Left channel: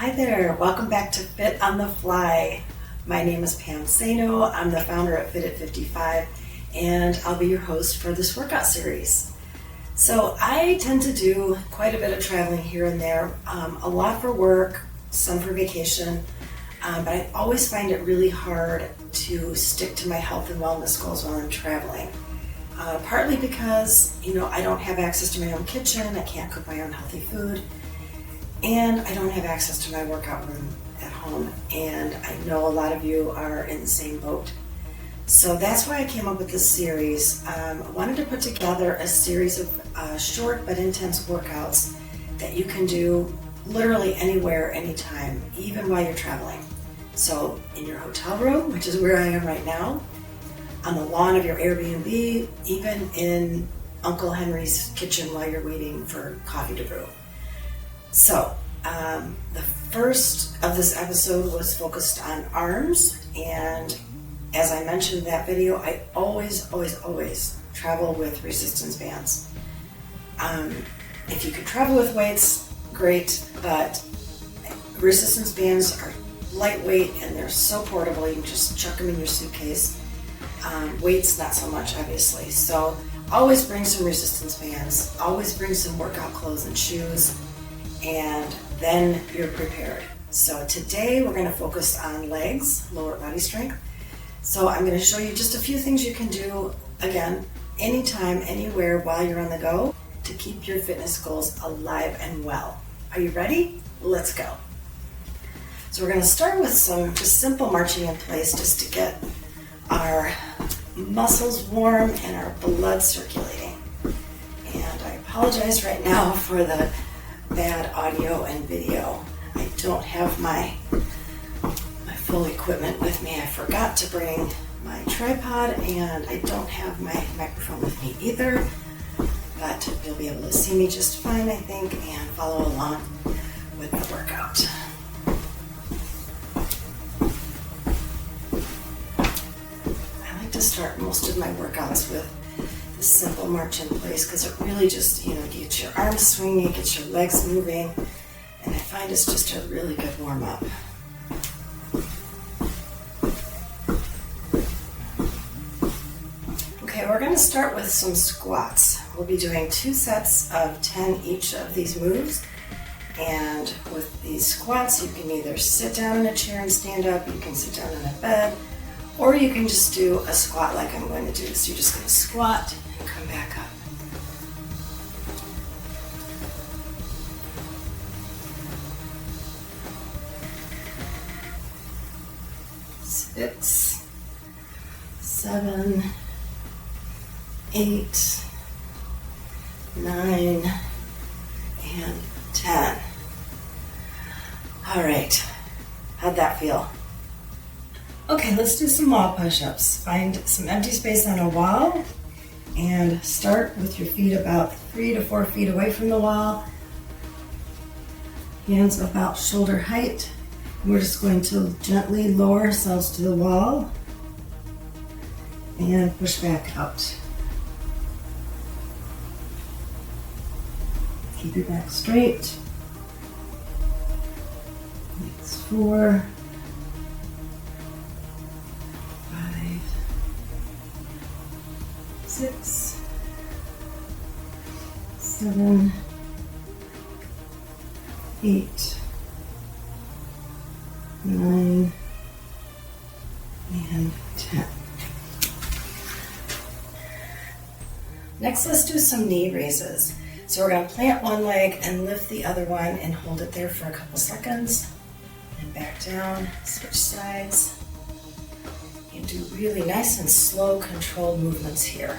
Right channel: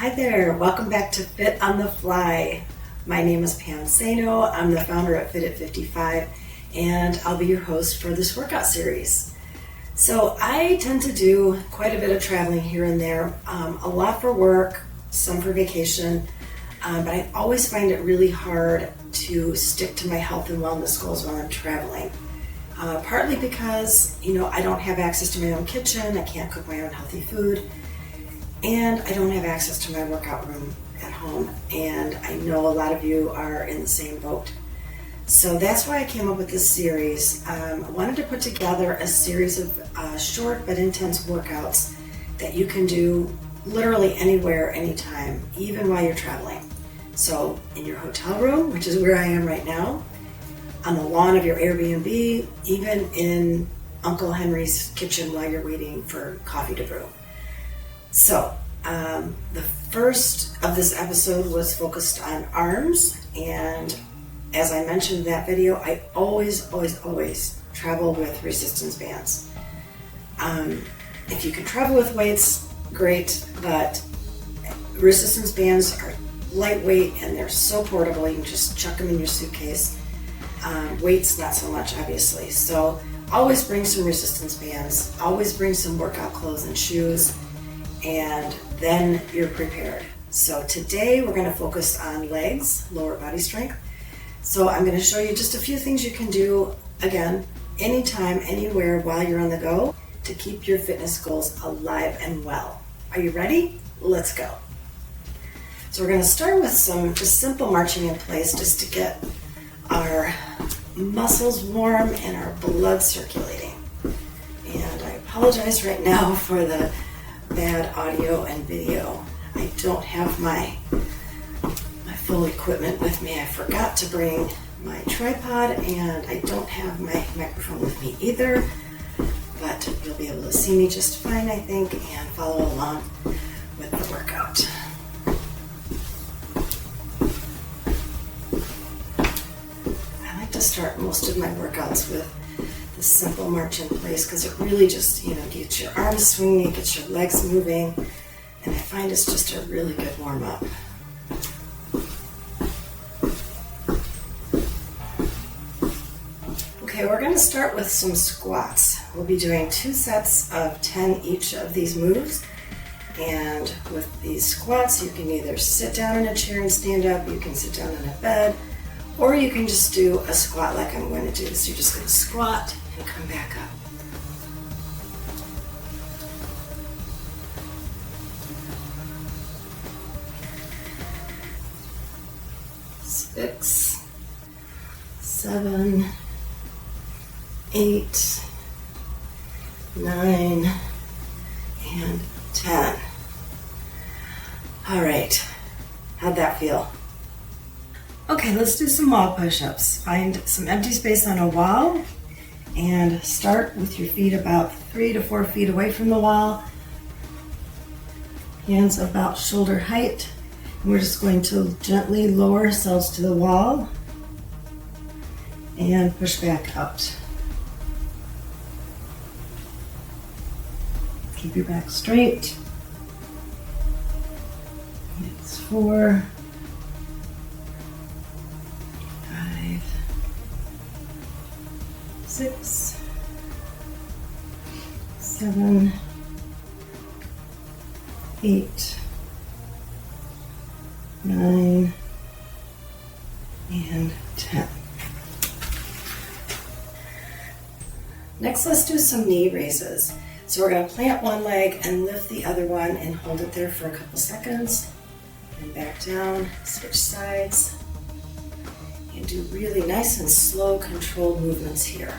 Hi there, welcome back to Fit on the Fly. My name is Pam Sano. I'm the founder at Fit at 55, and I'll be your host for this workout series. So I tend to do quite a bit of traveling here and there, a lot for work, some for vacation, but I always find it really hard to stick to my health and wellness goals while I'm traveling. Partly because, I don't have access to my own kitchen, I can't cook my own healthy food, and I don't have access to my workout room at home, and I know a lot of you are in the same boat. So that's why I came up with this series. I wanted to put together a series of short but intense workouts that you can do literally anywhere, anytime, even while you're traveling. So in your hotel room, which is where I am right now, on the lawn of your Airbnb, even in Uncle Henry's kitchen while you're waiting for coffee to brew. So, the first of this episode was focused on arms, and as I mentioned in that video, I always travel with resistance bands. If you can travel with weights, great, but resistance bands are lightweight and they're so portable, you can just chuck them in your suitcase. Weights, not so much, obviously. So always bring some resistance bands, always bring some workout clothes and shoes, and then you're prepared. So today we're going to focus on legs, lower body strength. So I'm going to show you just a few things you can do, again, anytime, anywhere, while you're on the go, to keep your fitness goals alive and well. Are you ready? Let's go. So we're going to start with some just simple marching in place just to get our muscles warm and our blood circulating. And I apologize right now for the bad audio and video. I don't have my full equipment with me. I forgot to bring my tripod, and I don't have my microphone with me either, but you'll be able to see me just fine, I think, and follow along with the workout. I like to start most of my workouts with the simple march in place because it really just, gets your arms swinging, it gets your legs moving, and I find it's just a really good warm-up. Okay, we're going to start with some squats. We'll be doing 2 sets of 10 each of these moves, and with these squats you can either sit down in a chair and stand up, you can sit down in a bed, or you can just do a squat like I'm going to do. So you're just going to squat and come back up. Six, 7, 8, 9, and 10. All right, how'd that feel? Okay, let's do some wall push-ups. Find some empty space on a wall and start with your feet about 3 to 4 feet away from the wall. Hands about shoulder height. And we're just going to gently lower ourselves to the wall and push back out. Keep your back straight. It's 4, 5, 6, 7, 8, 9, and 10. Next, let's do some knee raises. So we're going to plant one leg and lift the other one and hold it there for a couple seconds. And back down, switch sides. And do really nice and slow, controlled movements here.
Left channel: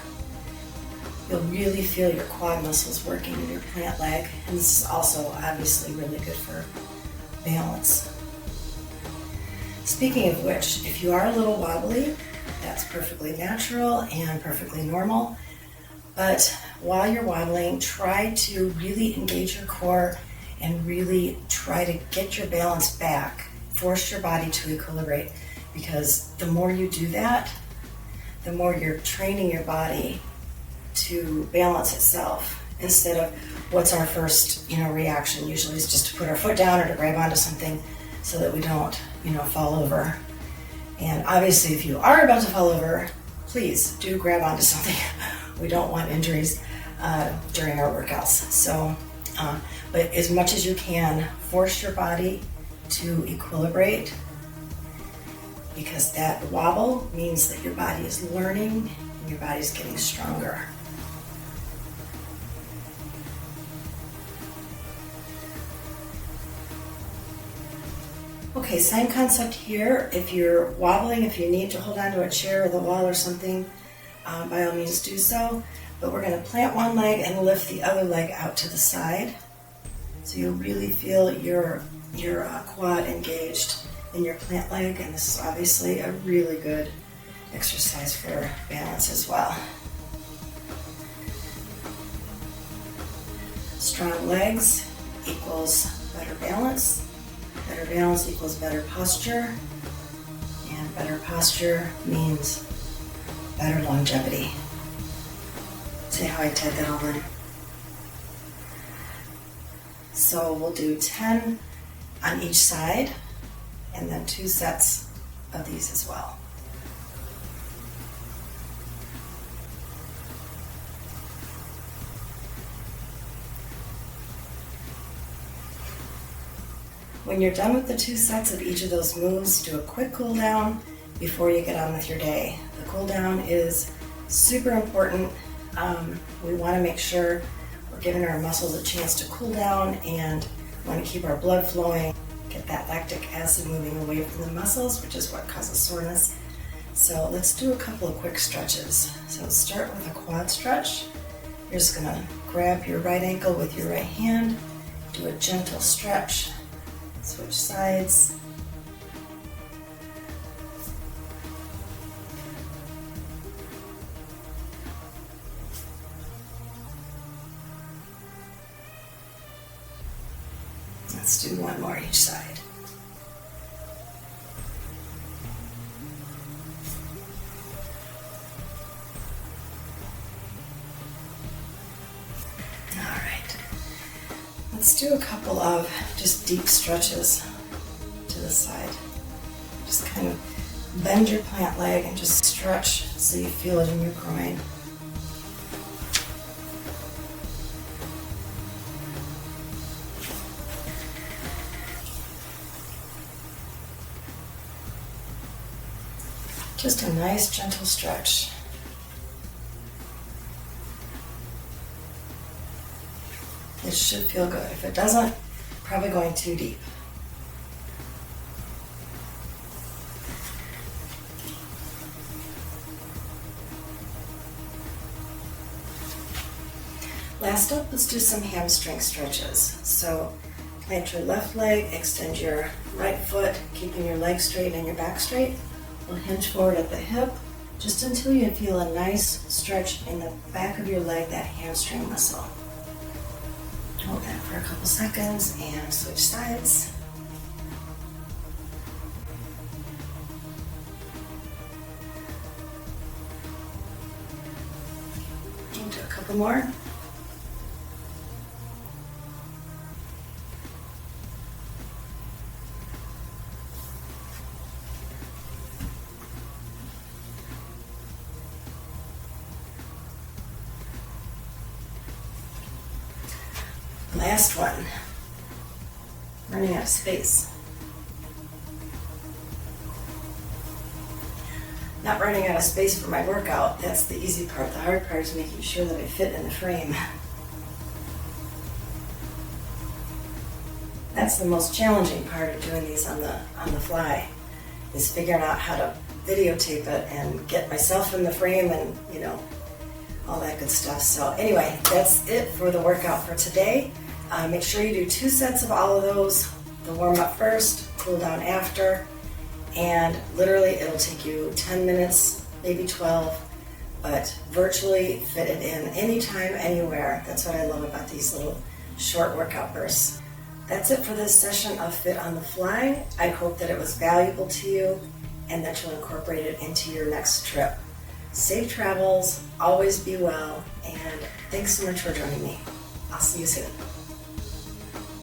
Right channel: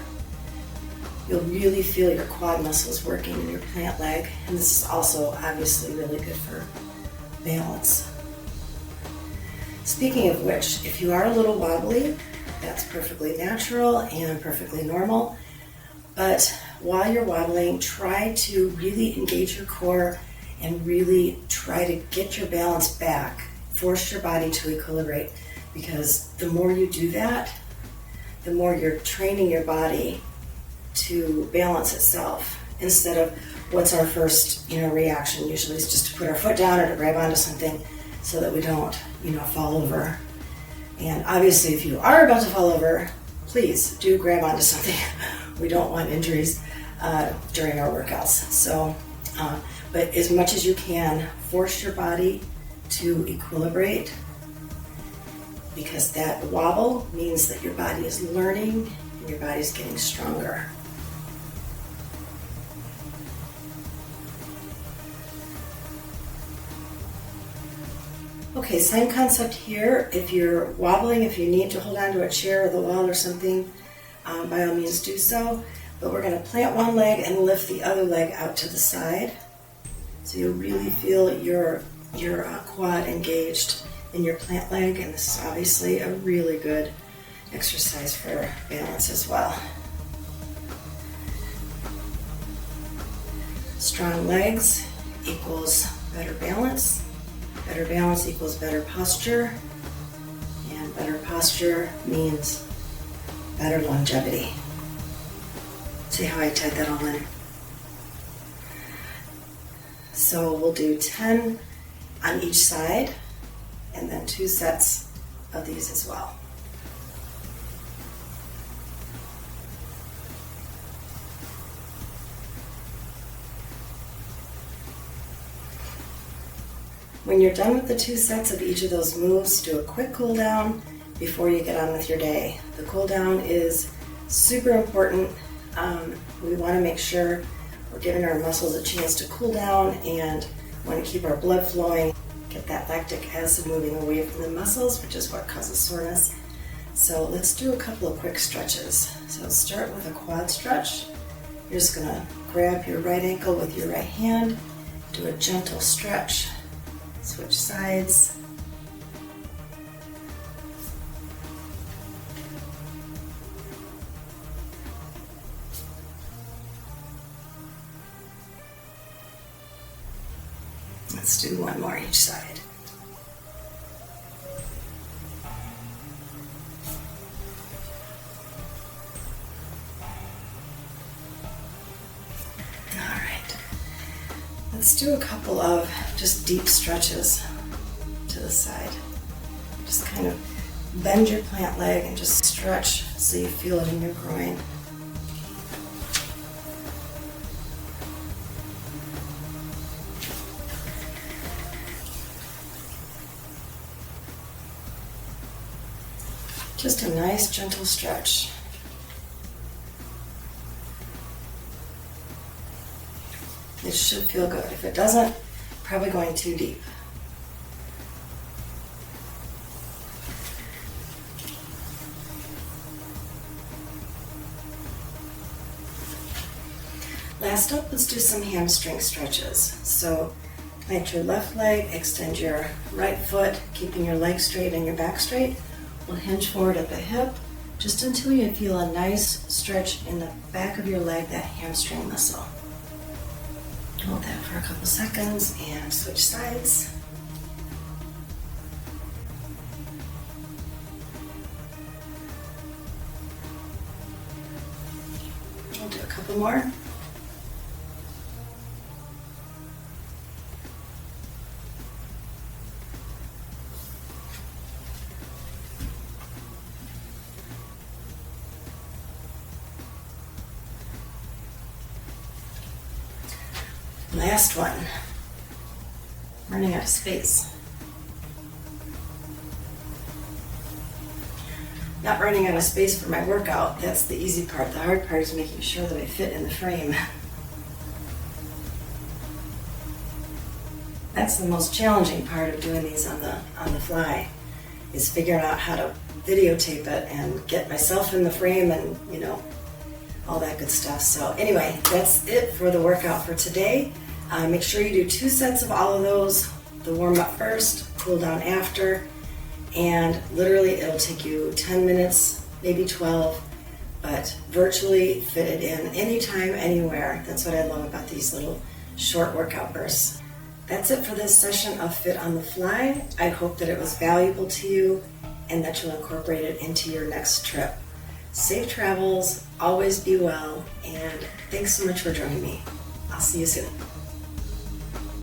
You'll really feel your quad muscles working in your plant leg. And this is also obviously really good for balance. Speaking of which, if you are a little wobbly, that's perfectly natural and perfectly normal. But while you're wobbling, try to really engage your core and really try to get your balance back. Force your body to equilibrate, because the more you do that, the more you're training your body to balance itself instead of what's our first, reaction. Usually is just to put our foot down or to grab onto something so that we don't, fall over. And obviously if you are about to fall over, please do grab onto something. We don't want injuries during our workouts. So, but as much as you can, force your body to equilibrate, because that wobble means that your body is learning and your body is getting stronger. Okay, same concept here. If you're wobbling, if you need to hold on to a chair or the wall or something, by all means do so. But we're going to plant one leg and lift the other leg out to the side. So you really feel your quad engaged in your plant leg, and this is obviously a really good exercise for balance as well. Strong legs equals better balance. Better balance equals better posture, and better posture means better longevity. See how I tied that all in? So we'll do 10 on each side, and then 2 sets of these as well. When you're done with the 2 sets of each of those moves, do a quick cool down before you get on with your day. The cool down is super important. We want to make sure we're giving our muscles a chance to cool down, and want to keep our blood flowing, get that lactic acid moving away from the muscles, which is what causes soreness. So let's do a couple of quick stretches. So start with a quad stretch. You're just going to grab your right ankle with your right hand, do a gentle stretch. Switch sides. Let's do one more each side. All right. Let's do a couple of just deep stretches to the side. Just kind of bend your plant leg and just stretch so you feel it in your groin. Just a nice gentle stretch. It should feel good. If it doesn't, probably going too deep. Last up, let's do some hamstring stretches. So plant your left leg, extend your right foot, keeping your leg straight and your back straight. We'll hinge forward at the hip just until you feel a nice stretch in the back of your leg, that hamstring muscle. Hold that for a couple seconds and switch sides. We'll do a couple more. Last one. Running out of space. Not running out of space for my workout, that's the easy part. The hard part is making sure that I fit in the frame. That's the most challenging part of doing these on the fly, is figuring out how to videotape it and get myself in the frame and, all that good stuff. So anyway, that's it for the workout for today. Make sure you do 2 sets of all of those, the warm up first, cool down after, and literally it'll take you 10 minutes, maybe 12, but virtually fit it in anytime, anywhere. That's what I love about these little short workout bursts. That's it for this session of Fit on the Fly. I hope that it was valuable to you and that you'll incorporate it into your next trip. Safe travels, always be well, and thanks so much for joining me. I'll see you soon.